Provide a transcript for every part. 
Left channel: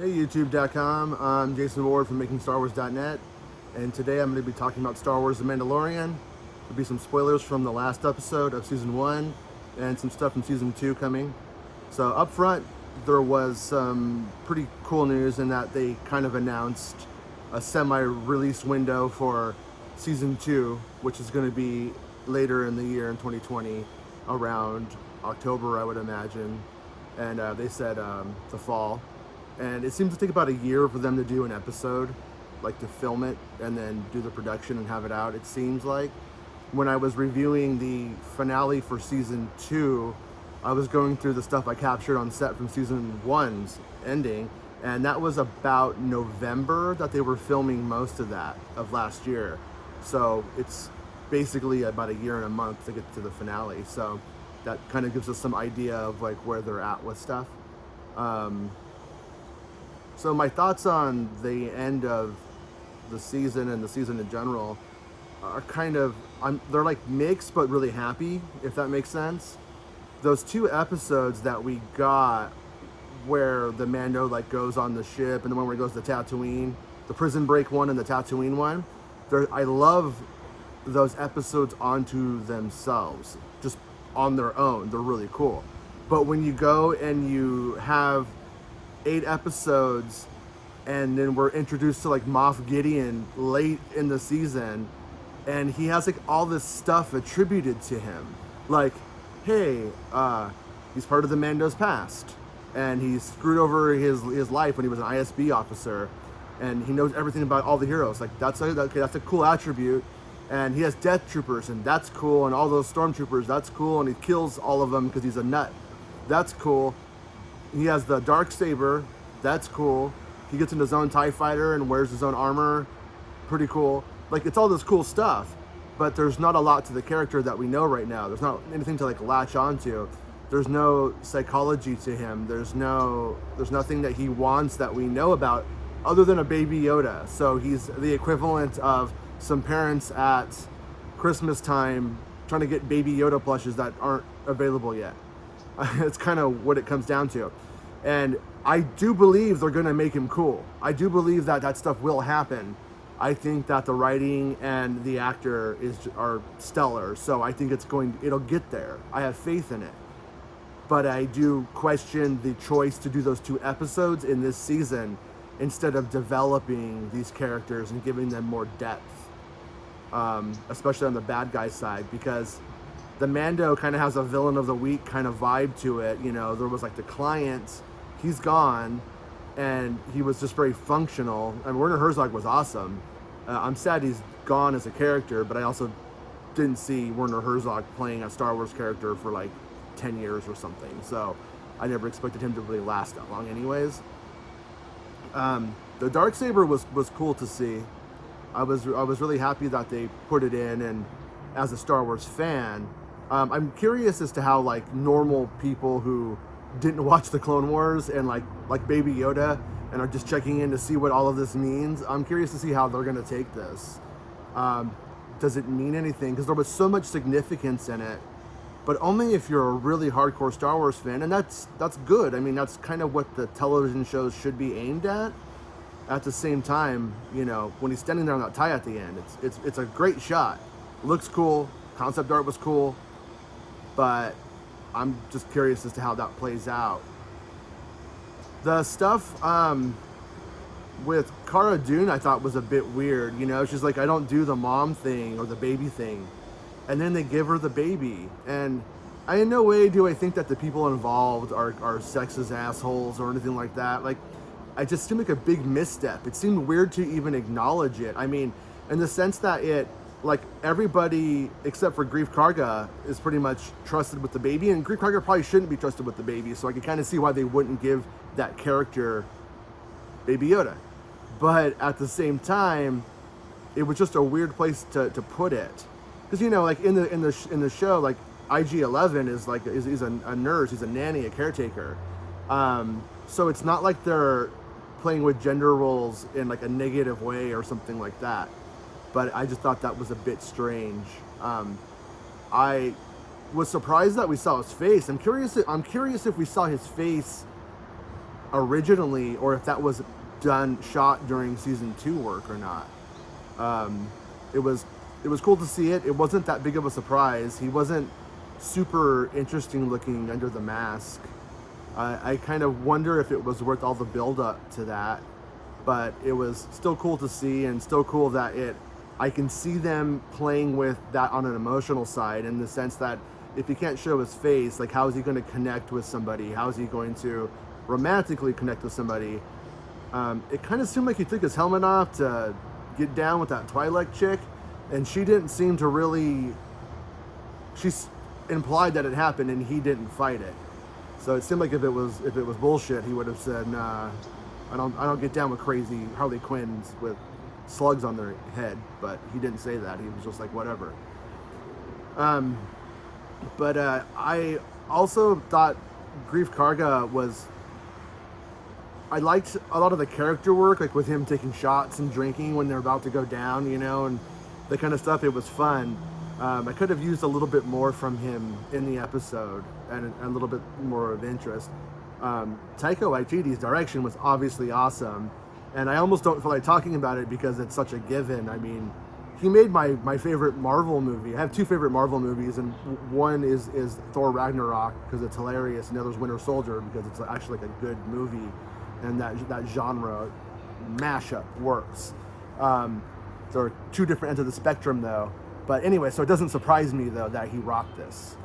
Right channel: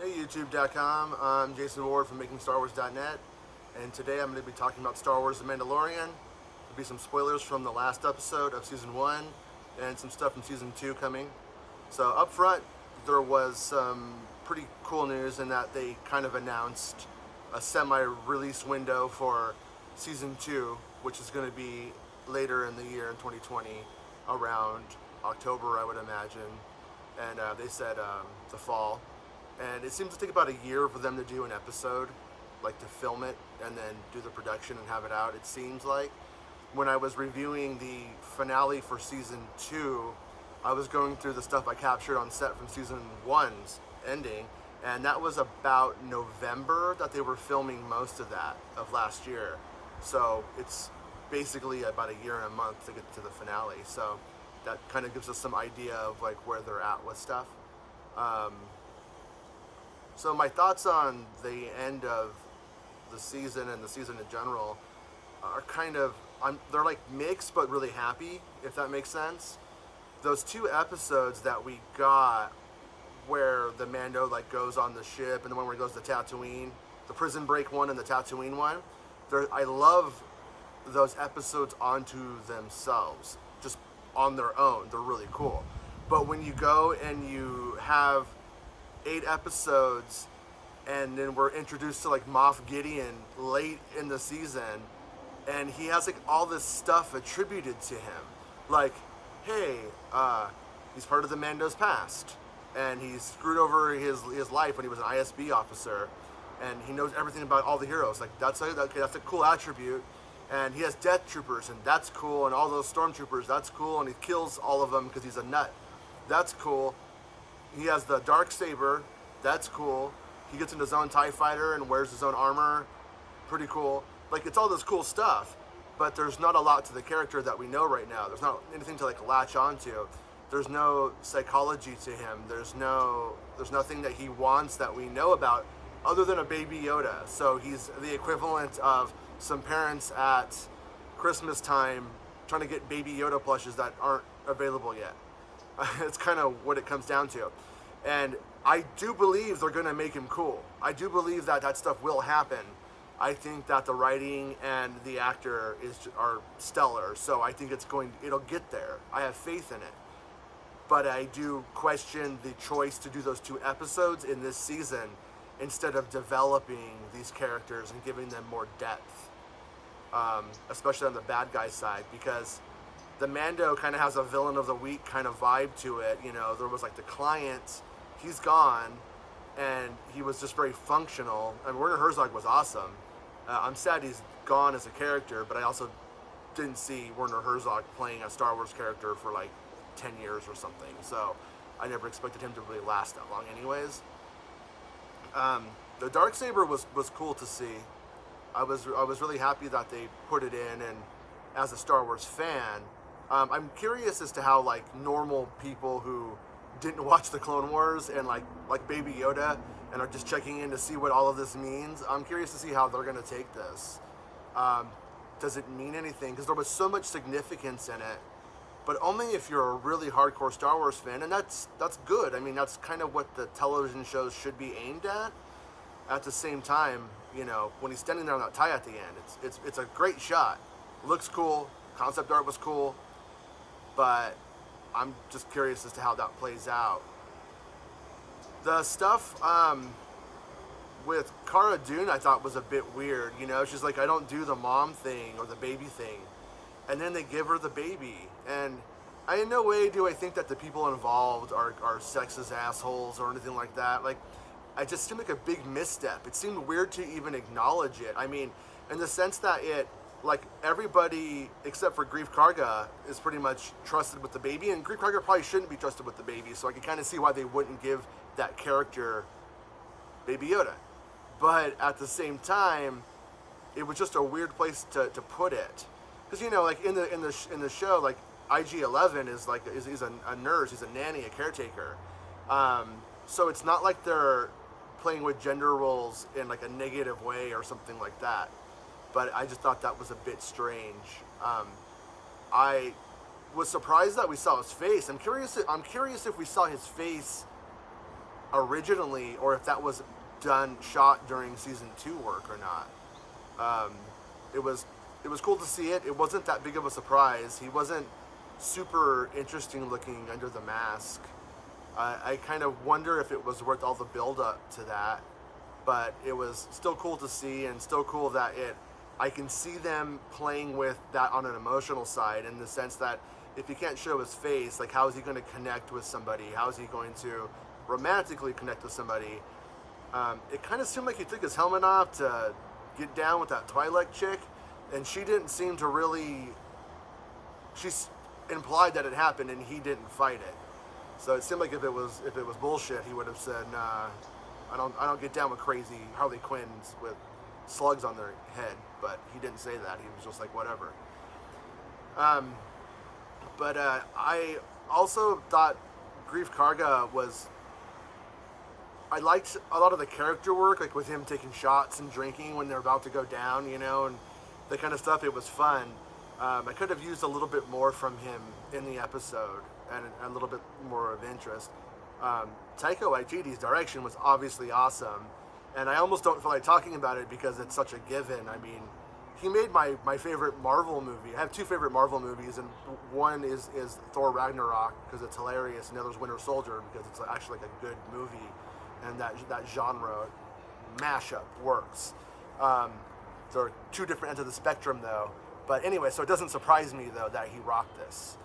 Hey YouTube.com, I'm Jason Ward from MakingStarWars.net, and today I'm going to be talking about Star Wars The Mandalorian. There'll be some spoilers from the last episode of Season 1 and some stuff from Season 2 coming. So up front, there was some pretty cool news in that they kind of announced a semi-release window for Season 2, which is going to be later in the year in 2020, around October I would imagine, and they said the fall. And it seems to take about a year for them to do an episode, like to film it and then do the production and have it out, it seems like. When I was reviewing the finale for Season 2, I was going through the stuff I captured on set from Season 1's ending, and that was about November that they were filming most of that, of last year. So it's basically about a year and a month to get to the finale. So that kind of gives us some idea of like where they're at with stuff. So my thoughts on the end of the season and the season in general are kind of, they're like mixed but really happy, if that makes sense. Those two episodes that we got where the Mando like goes on the ship and the one where he goes to Tatooine, the prison break one and the Tatooine one, I love those episodes onto themselves, just on their own. They're really cool. But when you go and you have 8 episodes and then we're introduced to like Moff Gideon late in the season and he has like all this stuff attributed to him, like, hey, he's part of the Mando's past and he screwed over his life when he was an ISB officer and he knows everything about all the heroes. Like that's a cool attribute. And he has death troopers and that's cool, and all those stormtroopers, that's cool, and he kills all of them because he's a nut. That's cool. He has the Darksaber, that's cool. He gets in his own TIE fighter and wears his own armor, pretty cool. Like, it's all this cool stuff, but there's not a lot to the character that we know right now. There's not anything to like latch onto. There's no psychology to him. There's nothing that he wants that we know about other than a baby Yoda. So he's the equivalent of some parents at Christmas time trying to get baby Yoda plushes that aren't available yet. It's kind of what it comes down to. And I do believe they're going to make him cool. I do believe that that stuff will happen. I think that the writing and the actor are stellar. So I think it'll get there. I have faith in it. But I do question the choice to do those 2 episodes in this season instead of developing these characters and giving them more depth. Especially on the bad guy side, because the Mando kind of has a villain of the week kind of vibe to it. You know, there was like the client, he's gone, and he was just very functional. And Werner Herzog was awesome. I'm sad he's gone as a character, but I also didn't see Werner Herzog playing a Star Wars character for like 10 years or something. So I never expected him to really last that long anyways. The Darksaber was cool to see. I was really happy that they put it in, and as a Star Wars fan, I'm curious as to how like normal people who didn't watch the Clone Wars and like Baby Yoda and are just checking in to see what all of this means. I'm curious to see how they're going to take this. Does it mean anything? Because there was so much significance in it, but only if you're a really hardcore Star Wars fan, and that's good. I mean, that's kind of what the television shows should be aimed at. At the same time, you know, when he's standing there on that TIE at the end, it's a great shot. It looks cool. Concept art was cool. But I'm just curious as to how that plays out. The stuff with Cara Dune I thought was a bit weird. You know, she's like, I don't do the mom thing or the baby thing. And then they give her the baby. And in no way do I think that the people involved are sexist assholes or anything like that. Like, it just seemed like a big misstep. It seemed weird to even acknowledge it. I mean, in the sense that like everybody except for Greef Karga is pretty much trusted with the baby, and Greef Karga probably shouldn't be trusted with the baby, so I can kind of see why they wouldn't give that character Baby Yoda. But at the same time, it was just a weird place to put it. Because, you know, like in the show, like IG-11 is a nurse, he's a nanny, a caretaker. So it's not like they're playing with gender roles in like a negative way or something like that. But I just thought that was a bit strange. I was surprised that we saw his face. I'm curious if we saw his face originally, or if that was shot during season 2 work or not. It was cool to see it. It wasn't that big of a surprise. He wasn't super interesting looking under the mask. I kind of wonder if it was worth all the build up to that, but it was still cool to see, and still cool that I can see them playing with that on an emotional side, in the sense that if he can't show his face, like, how is he going to connect with somebody? How is he going to romantically connect with somebody? It kind of seemed like he took his helmet off to get down with that Twi'lek chick, and she didn't seem to really. She implied that it happened, and he didn't fight it. So it seemed like if it was bullshit, he would have said, "Nah, I don't get down with crazy Harley Quinns with slugs on their head." But he didn't say that. He was just like, whatever. But I also thought Grief Karga was. I liked a lot of the character work, like with him taking shots and drinking when they're about to go down, and the kind of stuff. It was fun. I could have used a little bit more from him in the episode, and a little bit more of interest. Taika Waititi's direction was obviously awesome, and I almost don't feel like talking about it because it's such a given. I mean, he made my favorite Marvel movie. I have 2 favorite Marvel movies, and one is Thor Ragnarok because it's hilarious, and the other is Winter Soldier because it's actually like a good movie, and that genre mashup works. There are 2 different ends of the spectrum, though. But anyway, so it doesn't surprise me, though, that he rocked this.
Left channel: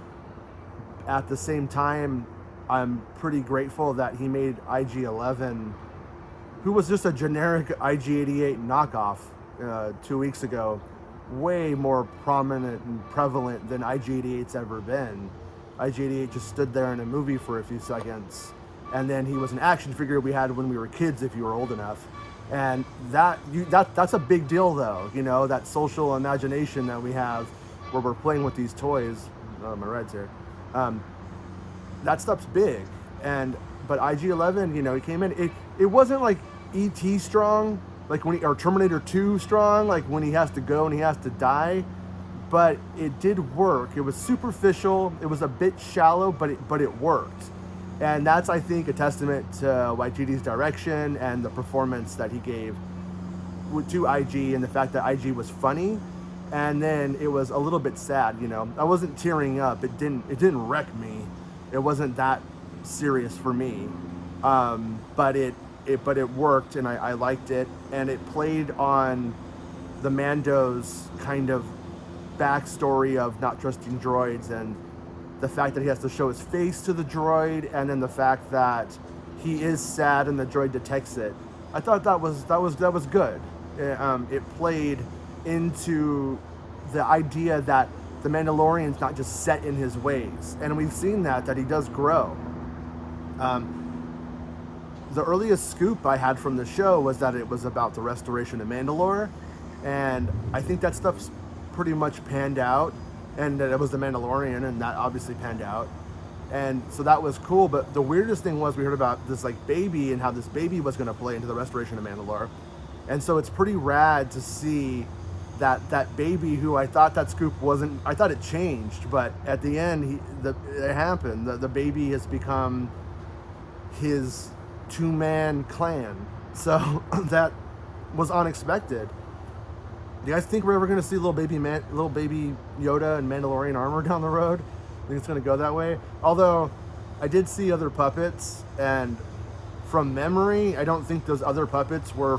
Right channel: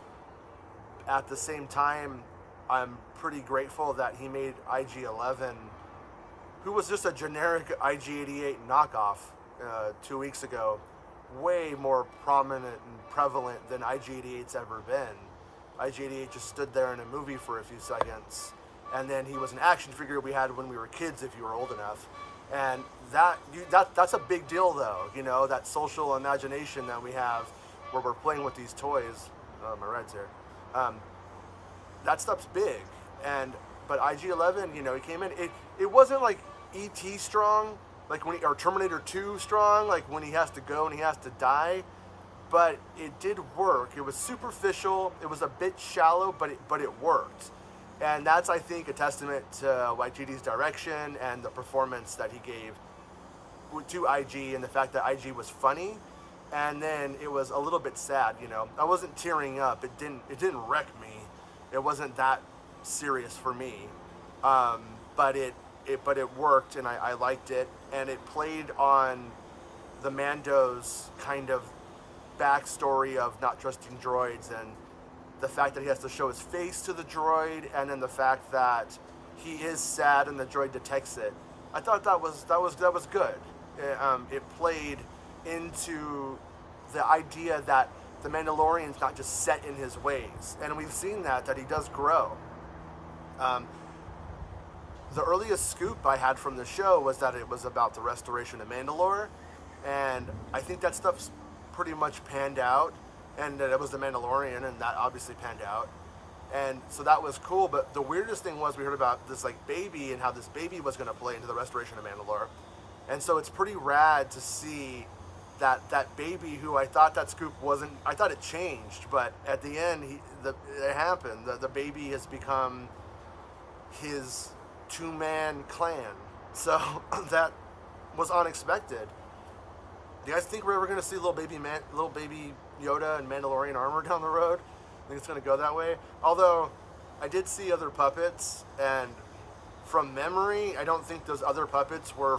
At the same time, I'm pretty grateful that he made IG-11, who was just a generic IG-88 knockoff 2 weeks ago, way more prominent and prevalent than IG-88's ever been. IG-88 just stood there in a movie for a few seconds, and then he was an action figure we had when we were kids, if you were old enough. And that's a big deal, though, that social imagination that we have where we're playing with these toys. Oh, my ride's here. That stuff's big. But IG-11, he came in. It wasn't like E.T. strong, like or Terminator 2 strong, like when he has to go and he has to die. But it did work. It was superficial. It was a bit shallow, but it worked. And that's, I think, a testament to Waititi's direction and the performance that he gave to IG, and the fact that IG was funny, and then it was a little bit sad. I wasn't tearing up. It didn't wreck me. It wasn't that serious for me. But it worked, and I liked it, and it played on the Mando's kind of backstory of not trusting droids, and the fact that he has to show his face to the droid, and then the fact that he is sad and the droid detects it. I thought that was good. It played into the idea that the Mandalorian's not just set in his ways, and we've seen that he does grow. The earliest scoop I had from the show was that it was about the restoration of Mandalore, and I think that stuff's pretty much panned out. And that it was the Mandalorian, and that obviously panned out. And so that was cool, but the weirdest thing was we heard about this like baby and how this baby was going to play into the restoration of Mandalore. And so it's pretty rad to see that baby, who I thought that scoop wasn't, I thought it changed, but at the end it happened. The baby has become his 2-man clan. So that was unexpected. Do you guys think we're ever going to see little baby Yoda and Mandalorian armor down the road? I think it's going to go that way. Although, I did see other puppets, and from memory, I don't think those other puppets were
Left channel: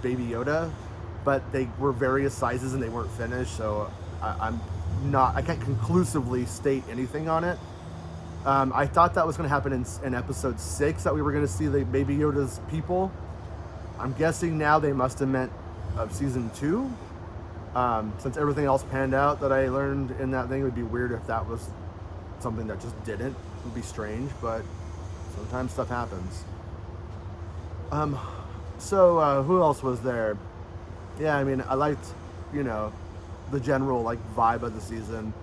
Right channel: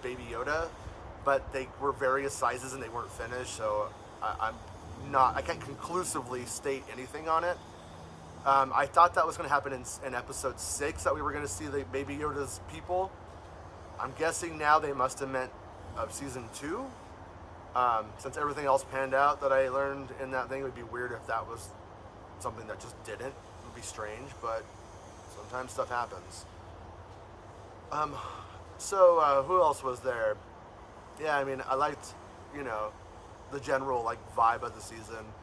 Baby Yoda, but they were various sizes and they weren't finished, so I can't conclusively state anything on it. I thought that was going to happen in episode 6, that we were going to see the Baby Yoda's people. I'm guessing now they must have meant of season 2, since everything else panned out that I learned in that thing. It would be weird if that was something that just didn't. It would be strange, but sometimes stuff happens. So who else was there? Yeah, I mean, I liked, the general vibe of the season.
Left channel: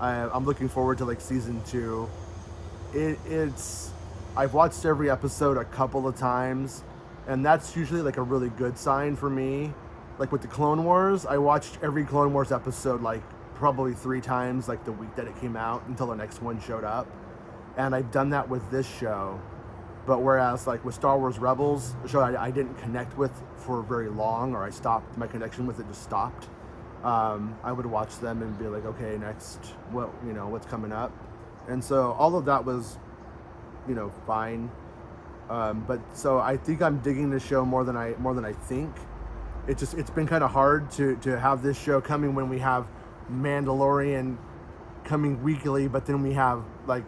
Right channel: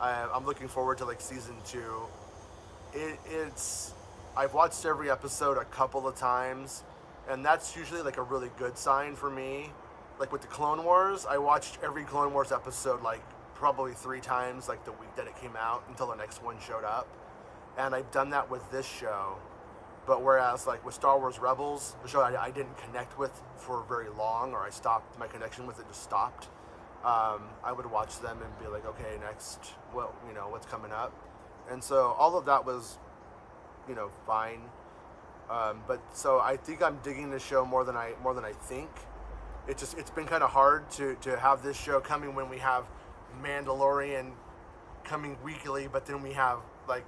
I'm looking forward to season 2. I've watched every episode a couple of times, and that's usually a really good sign for me. Like with the Clone Wars, I watched every Clone Wars episode probably 3 times the week that it came out until the next one showed up. And I've done that with this show. But whereas like with Star Wars Rebels, a show I didn't connect with for very long, or I stopped, my connection with it just stopped. I would watch them and be like, okay, next, what, you know, what's coming up? And so all of that was, you know, fine. But so I think I'm digging this show more than I think. It's been kind of hard to have this show coming when we have Mandalorian coming weekly, but then we have like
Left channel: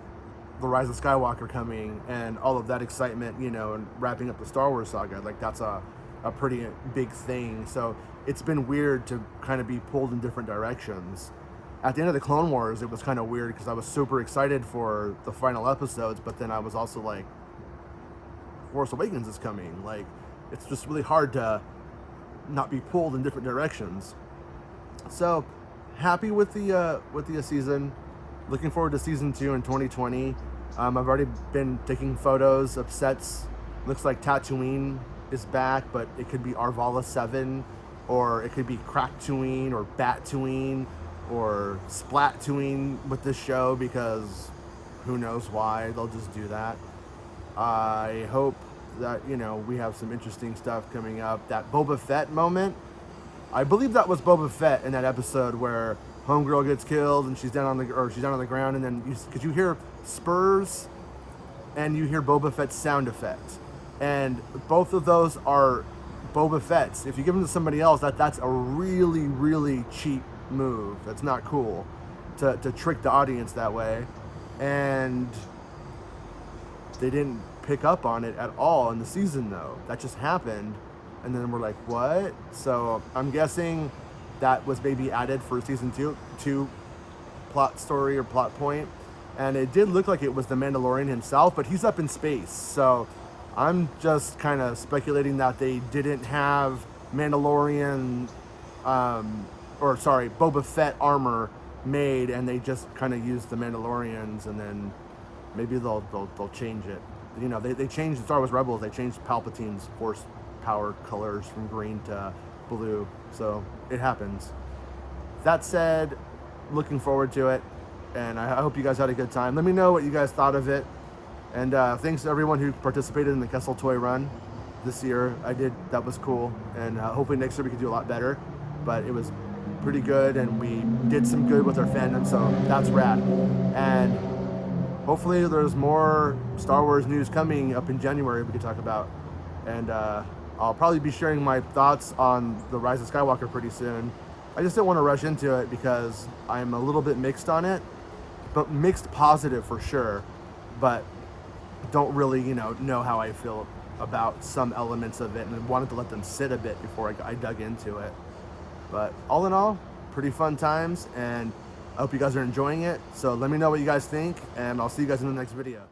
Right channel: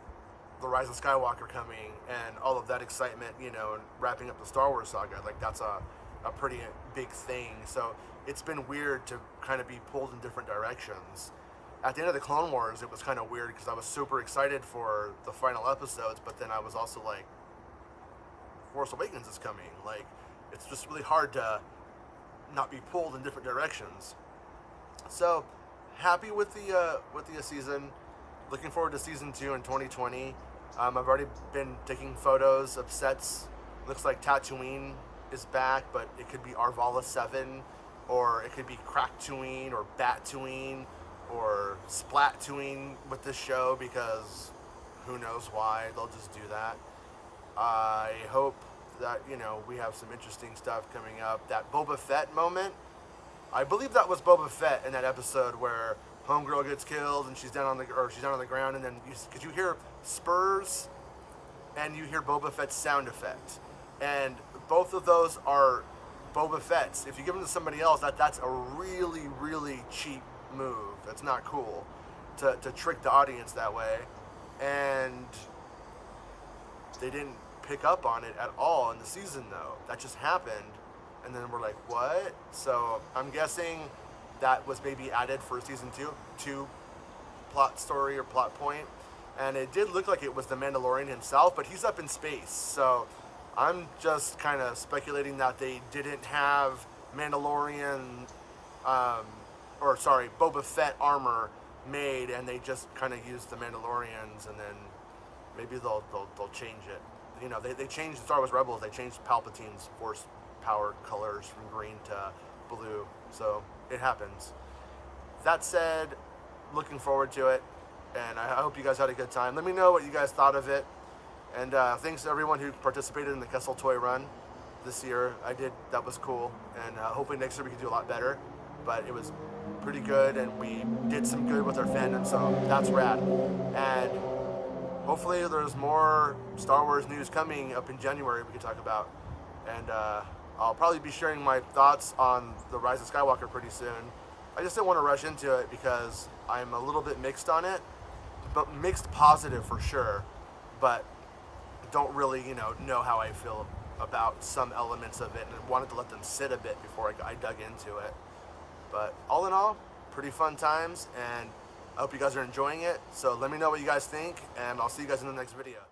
the Rise of Skywalker coming and all of that excitement, you know, and wrapping up the Star Wars saga. Like that's a pretty big thing. So it's been weird to kind of be pulled in different directions. At the end of the Clone Wars, it was kind of weird because I was super excited for the final episodes, but then I was also like, Force Awakens is coming. Like, it's just really hard to not be pulled in different directions. So happy with the season. Looking forward to season 2 in 2020. I've already been taking photos of sets. Looks like Tatooine is back, but it could be Arvala 7, or it could be Crack-Tooine, or Bat-Tooine, or Splat-Tooine with this show, because who knows why, they'll just do that. I hope that, you know, we have some interesting stuff coming up. That Boba Fett moment, I believe that was Boba Fett in that episode where Homegirl gets killed and she's down on the ground, and then because you hear spurs and you hear Boba Fett's sound effect, and both of those are Boba Fett's. If you give them to somebody else, that's a really, really cheap move. It's not cool to trick the audience that way, and they didn't pick up on it at all in the season, though. That just happened, and then we're like, what? So I'm guessing that was maybe added for season 2 plot story or plot point. And it did look like it was the Mandalorian himself, but he's up in space. So I'm just kind of speculating that they didn't have Mandalorian, Boba Fett armor made, and they just kind of used the Mandalorians, and then maybe they'll change it. You know, they changed Star Wars Rebels. They changed Palpatine's Force power colors from green to blue. So it happens. That said, looking forward to it, and I hope you guys had a good time. Let me know what you guys thought of it, and thanks to everyone who participated in the Kessel Toy Run this year. That was cool, and hopefully next year we can do a lot better, but it was pretty good, and we did some good with our fandom, so that's rad. And hopefully there's more Star Wars news coming up in January we could talk about, and I'll probably be sharing my thoughts on the Rise of Skywalker pretty soon. I just didn't want to rush into it because I'm a little bit mixed on it, but mixed positive for sure, but don't really, you know how I feel about some elements of it, and wanted to let them sit a bit before I dug into it. But all in all, pretty fun times, and I hope you guys are enjoying it. So let me know what you guys think, and I'll see you guys in the next video.